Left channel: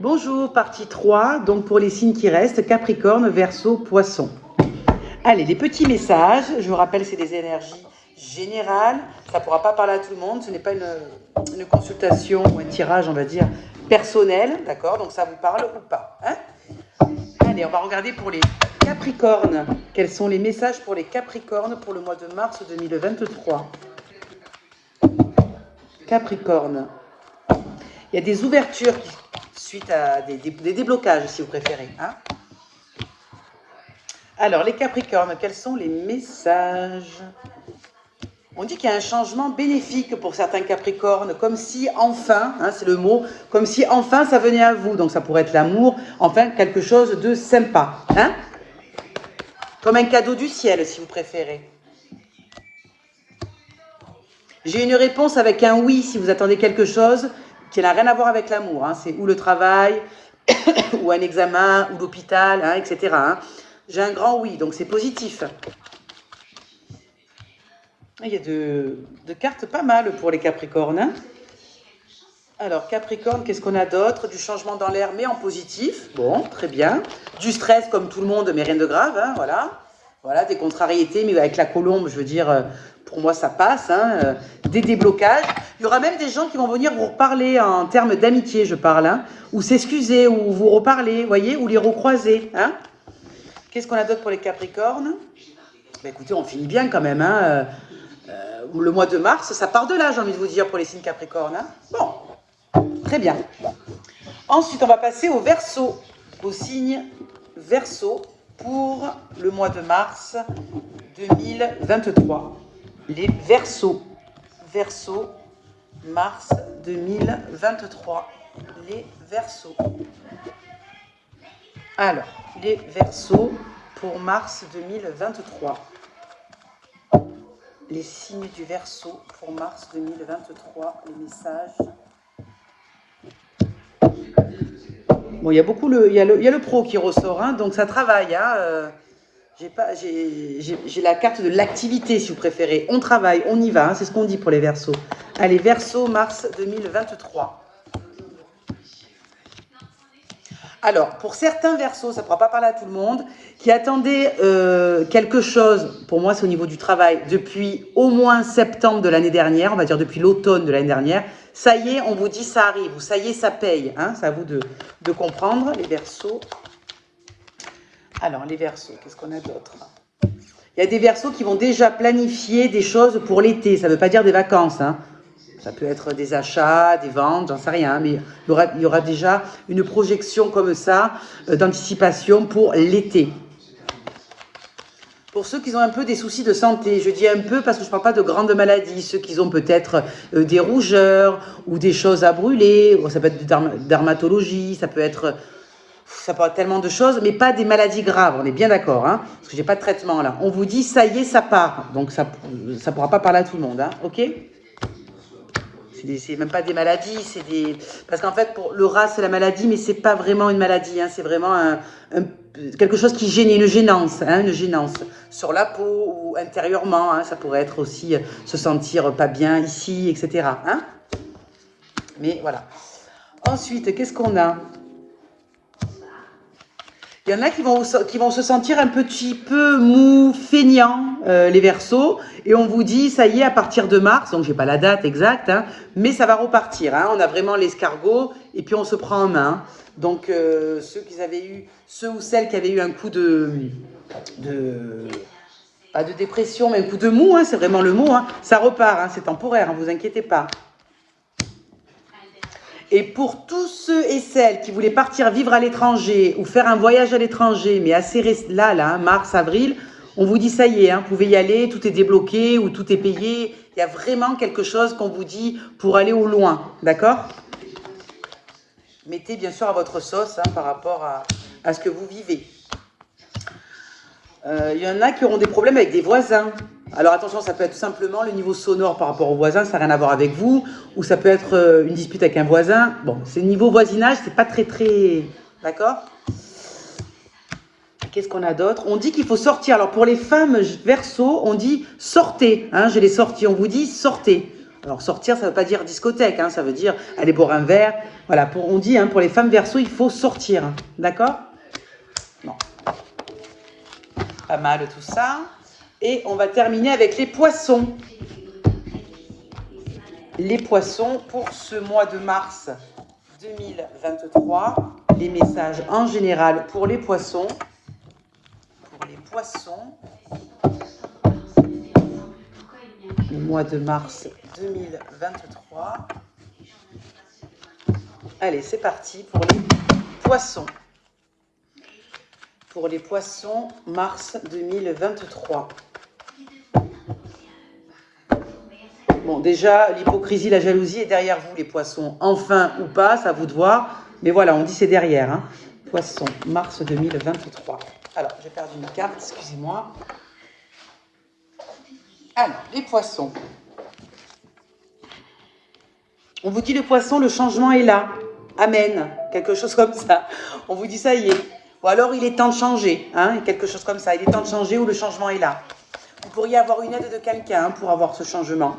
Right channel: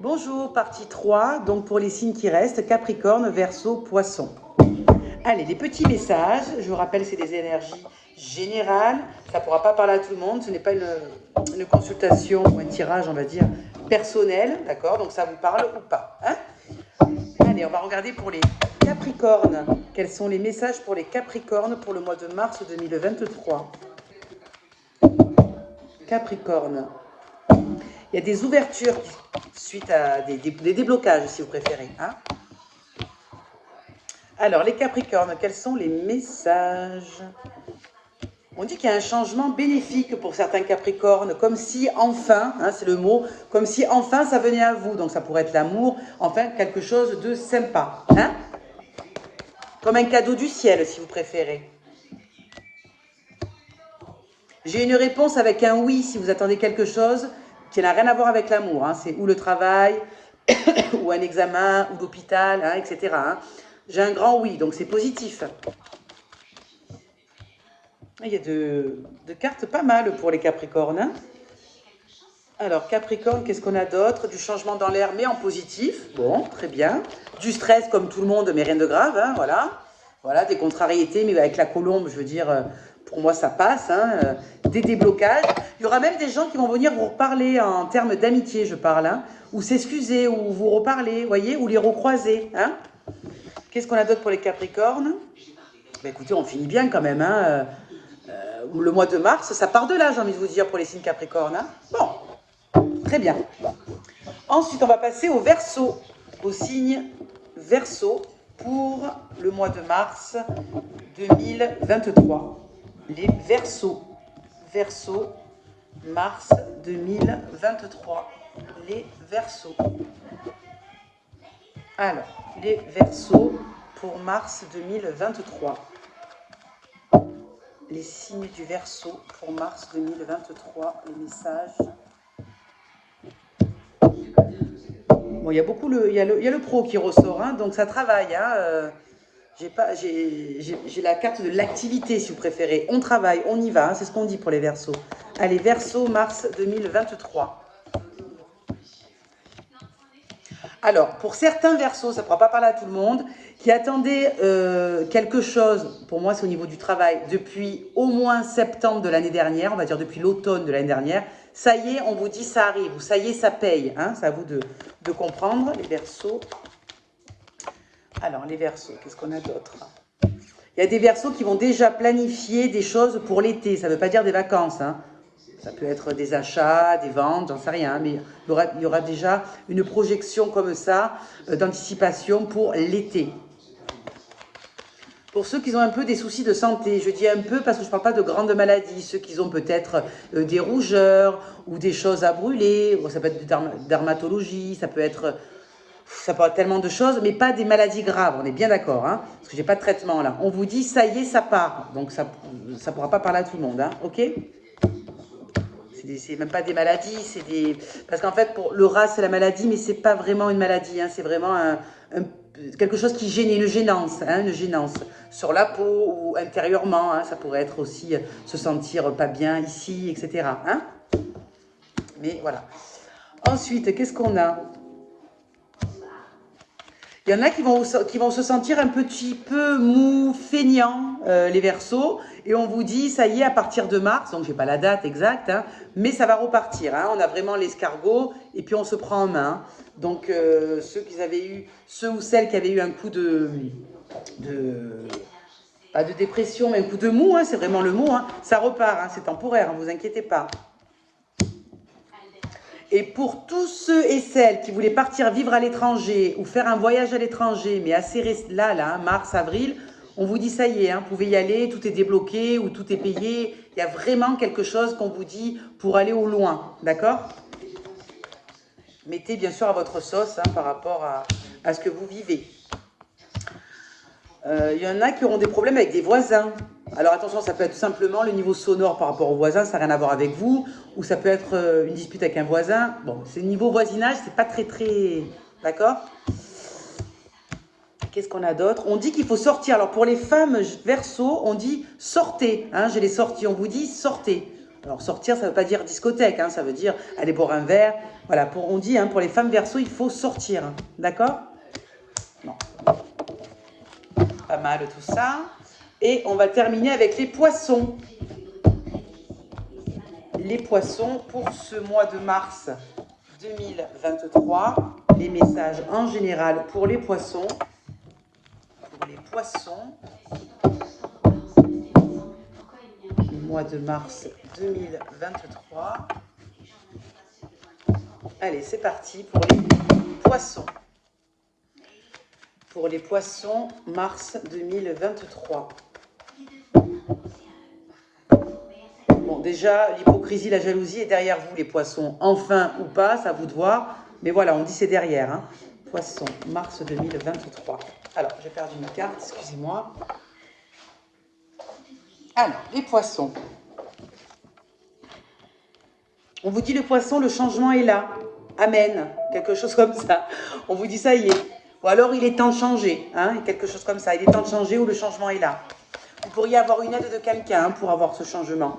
Bonjour, partie 3, donc pour les signes qui restent, Capricorne, Verseau, Poisson. Allez, les petits messages, je vous rappelle, c'est des énergies générales, ça ne pourra pas parler à tout le monde, ce n'est pas une consultation ou un tirage, on va dire, personnel, d'accord? Donc ça vous parle ou pas, hein? Allez, on va regarder pour les Capricornes. Quels sont les messages pour les Capricornes pour le mois de mars 2023? Capricorne. Il y a des ouvertures suite à des déblocages, si vous préférez. Hein. Alors, les Capricornes, quels sont les messages? On dit qu'il y a un changement bénéfique pour certains Capricornes, comme si enfin, hein, c'est le mot, comme si enfin ça venait à vous. Donc ça pourrait être l'amour, enfin quelque chose de sympa. Hein, comme un cadeau du ciel, si vous préférez. J'ai une réponse avec un oui si vous attendez quelque chose qui n'a rien à voir avec l'amour. Hein. C'est ou le travail, ou un examen, ou l'hôpital, hein, etc. Hein. J'ai un grand oui, donc c'est positif. Il y a de cartes pas mal pour les Capricornes. Hein. Alors, Capricorne, qu'est-ce qu'on a d'autre? Du changement dans l'air, mais en positif. Bon, très bien. Du stress, comme tout le monde, mais rien de grave. Hein, voilà. Voilà, des contrariétés, mais avec la colombe, je veux dire, pour moi, ça passe. Hein, des déblocages. Il y aura même des gens qui vont venir vous reparler en termes d'amitié, je parle. Hein, ou s'excuser, ou vous reparler, voyez, ou les recroiser. Hein. Qu'est-ce qu'on a d'autre pour les Capricornes? Ben, écoutez, on finit bien quand même. Hein, le mois de mars, ça part de là, j'ai envie de vous dire, pour les signes Capricornes. Hein. Bon, très bien. Ensuite, on va passer au Verseau, au signe Verseau pour le mois de mars 2023. Les Verseaux, Verseau, mars 2023. Les Verseaux. Alors, les Verseaux pour mars 2023. Les signes du Verseau pour mars 2023, les messages. Bon, il y a beaucoup il y a le pro qui ressort, hein, donc ça travaille. Hein, j'ai la carte de l'activité, si vous préférez. On travaille, on y va, hein, c'est ce qu'on dit pour les Verseaux. Allez, Verseau, mars 2023. Alors, pour certains Verseaux, ça ne pourra pas parler à tout le monde, qui attendaient quelque chose, pour moi c'est au niveau du travail, depuis au moins septembre de l'année dernière, on va dire depuis l'automne de l'année dernière, ça y est, on vous dit ça arrive, ou ça y est, ça paye. Hein, c'est à vous de comprendre, les Verseaux. Alors, les Verseaux, qu'est-ce qu'on a d'autre? Il y a des Verseaux qui vont déjà planifier des choses pour l'été, ça ne veut pas dire des vacances, hein. Ça peut être des achats, des ventes, j'en sais rien, mais il y aura déjà une projection comme ça d'anticipation pour l'été. Pour ceux qui ont un peu des soucis de santé, je dis un peu parce que je ne parle pas de grandes maladies, ceux qui ont peut-être des rougeurs ou des choses à brûler, ça peut être de dermatologie, ça peut être tellement de choses, mais pas des maladies graves, on est bien d'accord, hein, parce que j'ai pas de traitement là. On vous dit, ça y est, ça part, donc ça ne pourra pas parler à tout le monde, hein, ok? C'est même pas des maladies, c'est des... Parce qu'en fait, pour le rat, c'est la maladie, mais c'est pas vraiment une maladie, hein, c'est vraiment quelque chose qui gêne, une gênance sur la peau ou intérieurement, hein, ça pourrait être aussi se sentir pas bien ici, etc. Hein, mais voilà. Ensuite, qu'est-ce qu'on a? Il y en a qui vont se sentir un petit peu mou, feignant, les Verseaux, et on vous dit, ça y est, à partir de mars, donc j'ai pas la date exacte, hein, mais ça va repartir. Hein, on a vraiment l'escargot, et puis on se prend en main. Donc ceux ou celles qui avaient eu un coup pas de dépression, mais un coup de mou, hein, c'est vraiment le mot, hein, ça repart, hein, c'est temporaire, ne vous inquiétez pas. Et pour tous ceux et celles qui voulaient partir vivre à l'étranger ou faire un voyage à l'étranger, mais assez là, hein, mars, avril, on vous dit ça y est, hein, vous pouvez y aller, tout est débloqué ou tout est payé. Il y a vraiment quelque chose qu'on vous dit pour aller au loin, d'accord? Mettez bien sûr à votre sauce, hein, par rapport à ce que vous vivez. Il y en a qui auront des problèmes avec des voisins. Alors attention, ça peut être tout simplement le niveau sonore par rapport aux voisins, ça n'a rien à voir avec vous, ou ça peut être une dispute avec un voisin. Bon, c'est niveau voisinage, c'est pas très... D'accord? Qu'est-ce qu'on a d'autre? On dit qu'il faut sortir. Alors pour les femmes Verseaux, on dit sortez. Hein, je l'ai sorti, on vous dit sortez. Alors sortir, ça ne veut pas dire discothèque, hein, ça veut dire aller boire un verre. Voilà, on dit, hein, pour les femmes Verseau, il faut sortir. D'accord? Bon. Pas mal tout ça. Et on va terminer avec les poissons. Les poissons pour ce mois de mars 2023. Les messages en général pour les poissons. Pour les poissons. Le mois de mars 2023. Allez, c'est parti pour les poissons. Pour les poissons, mars 2023. Bon, déjà, l'hypocrisie, la jalousie est derrière vous, les poissons. Enfin ou pas, ça à vous de voir. Mais voilà, on dit c'est derrière. Hein. Poissons, mars 2023. Alors, j'ai perdu une carte, excusez-moi. Alors, les poissons. On vous dit le poisson, le changement est là. Amen. Quelque chose comme ça. On vous dit ça y est. Ou alors il est temps de changer. Hein, quelque chose comme ça. Il est temps de changer ou le changement est là. Vous pourriez avoir une aide de quelqu'un hein, pour avoir ce changement.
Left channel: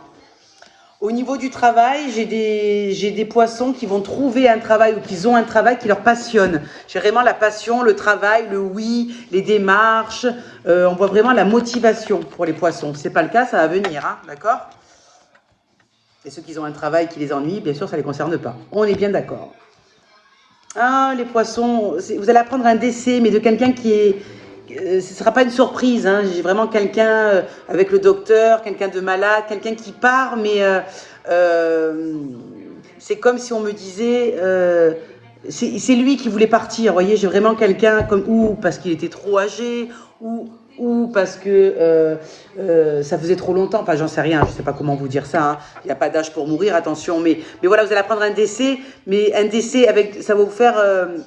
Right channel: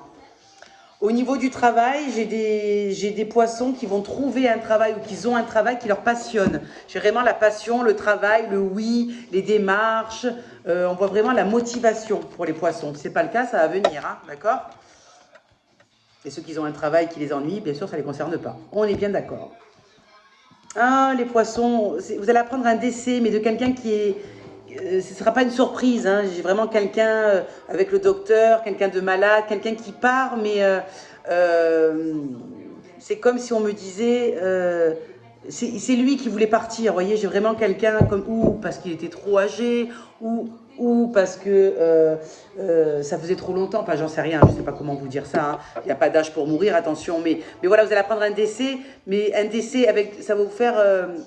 Au niveau du travail, j'ai des poissons qui vont trouver un travail ou qui ont un travail qui leur passionne. J'ai vraiment la passion, le travail, le oui, les démarches. On voit vraiment la motivation pour les poissons. Si ce n'est pas le cas, ça va venir. Hein, d'accord ? Et ceux qui ont un travail qui les ennuie, bien sûr, ça ne les concerne pas. On est bien d'accord. Ah, les poissons, vous allez apprendre un décès, mais de quelqu'un qui est... ce ne sera pas une surprise, hein. J'ai vraiment quelqu'un avec le docteur, quelqu'un de malade, quelqu'un qui part, mais c'est comme si on me disait, c'est lui qui voulait partir, vous voyez, j'ai vraiment quelqu'un comme, ou parce qu'il était trop âgé, ou parce que ça faisait trop longtemps, enfin j'en sais rien, je ne sais pas comment vous dire ça, hein. Il n'y a pas d'âge pour mourir, attention, mais voilà, vous allez apprendre un décès, mais un décès, avec, ça va vous faire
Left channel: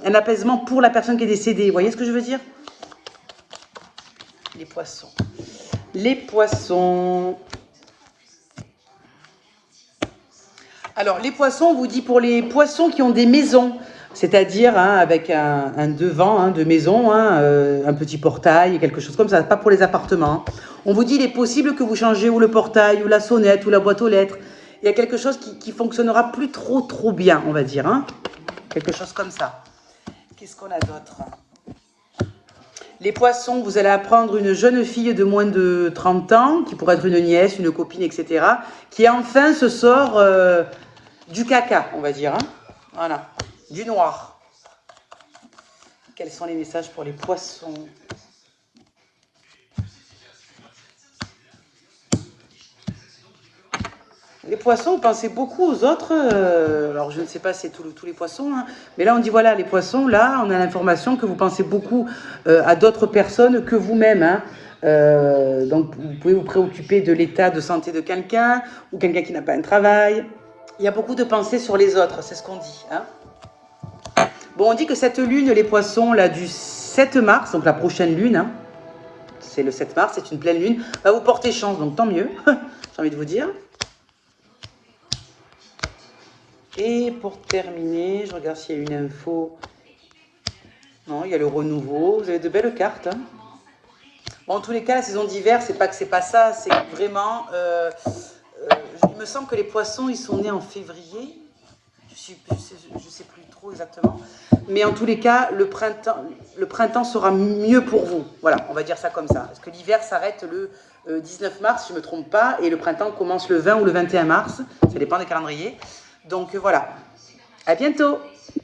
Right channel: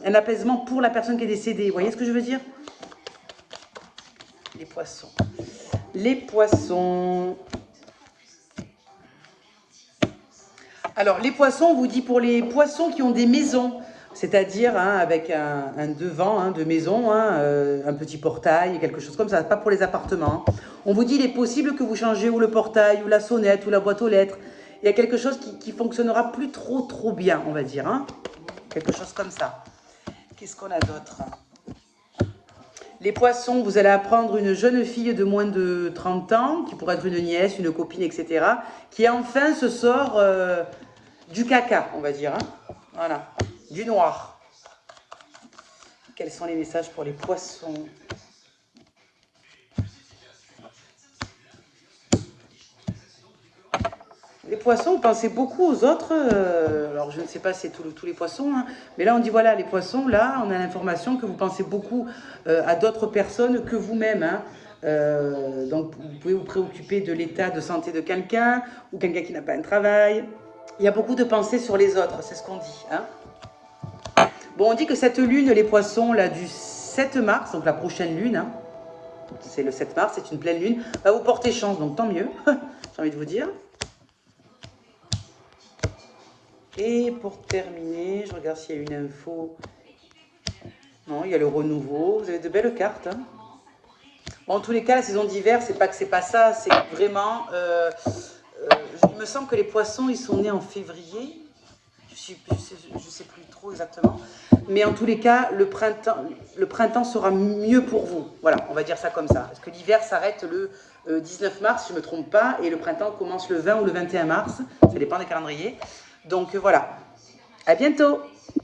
un apaisement pour la personne qui est décédée, vous voyez ce que je veux dire? Les poissons. Les poissons. Alors, les poissons, on vous dit pour les poissons qui ont des maisons, c'est-à-dire hein, avec un devant hein, de maison, hein, un petit portail, quelque chose comme ça, pas pour les appartements. On vous dit, il est possible que vous changez ou le portail, ou la sonnette, ou la boîte aux lettres. Il y a quelque chose qui fonctionnera plus trop bien, on va dire. Hein. Quelque chose comme ça. Qu'est-ce qu'on a d'autre ? Les poissons, vous allez apprendre une jeune fille de moins de 30 ans, qui pourrait être une nièce, une copine, etc., qui enfin se sort du caca, on va dire. Hein. Voilà, du noir. Quels sont les messages pour les poissons ? Les poissons, vous pensez beaucoup aux autres. Alors, je ne sais pas si c'est tous les poissons. Hein, mais là, on dit, voilà, les poissons, là, on a l'information que vous pensez beaucoup à d'autres personnes que vous-même. Hein. Donc, vous pouvez vous préoccuper de l'état de santé de quelqu'un ou quelqu'un qui n'a pas un travail. Il y a beaucoup de pensées sur les autres, c'est ce qu'on dit. Hein. Bon, on dit que cette lune, les poissons, là, du 7 mars, donc la prochaine lune, hein, c'est le 7 mars, c'est une pleine lune, va vous porter chance, donc tant mieux, j'ai envie de vous dire. Et pour terminer, je regarde s'il y a une info. Non, il y a le renouveau. Vous avez de belles cartes. Hein. Bon, en tous les cas, la saison d'hiver, c'est pas que c'est pas ça. C'est vraiment... il me semble que les poissons, ils sont nés en février. Je sais plus trop exactement. Mais en tous les cas, le printemps sera mieux pour vous. Voilà, on va dire ça comme ça. Parce que l'hiver s'arrête le 19 mars, si je ne me trompe pas. Et le printemps commence le 20 ou le 21 mars. Ça dépend des calendriers. Donc voilà, à bientôt!